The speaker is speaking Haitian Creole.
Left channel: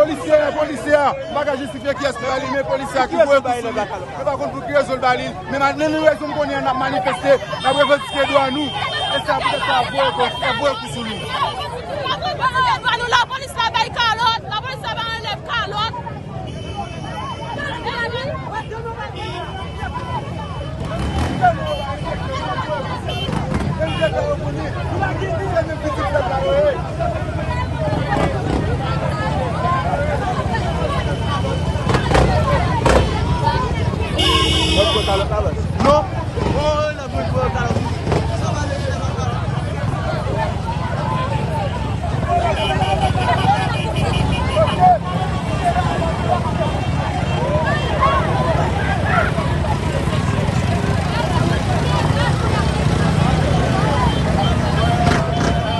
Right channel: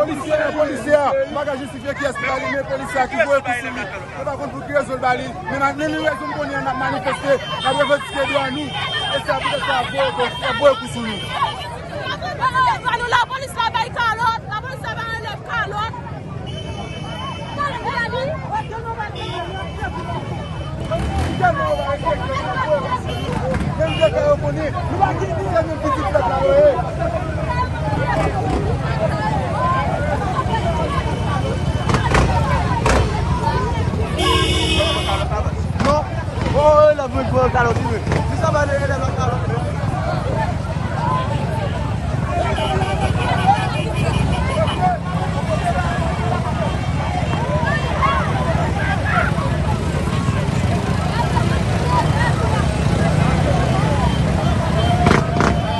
Policier, pas qu'à justifier qui est ce balil, mais policier qui veut pousser. C'est pas contre pour créer ce balil, mais maintenant nous raison qu'on a manifesté, la revendication doit nous. Et ça peut être à voir pour nous. La police a baillé calotte, la police a enlevé calotte.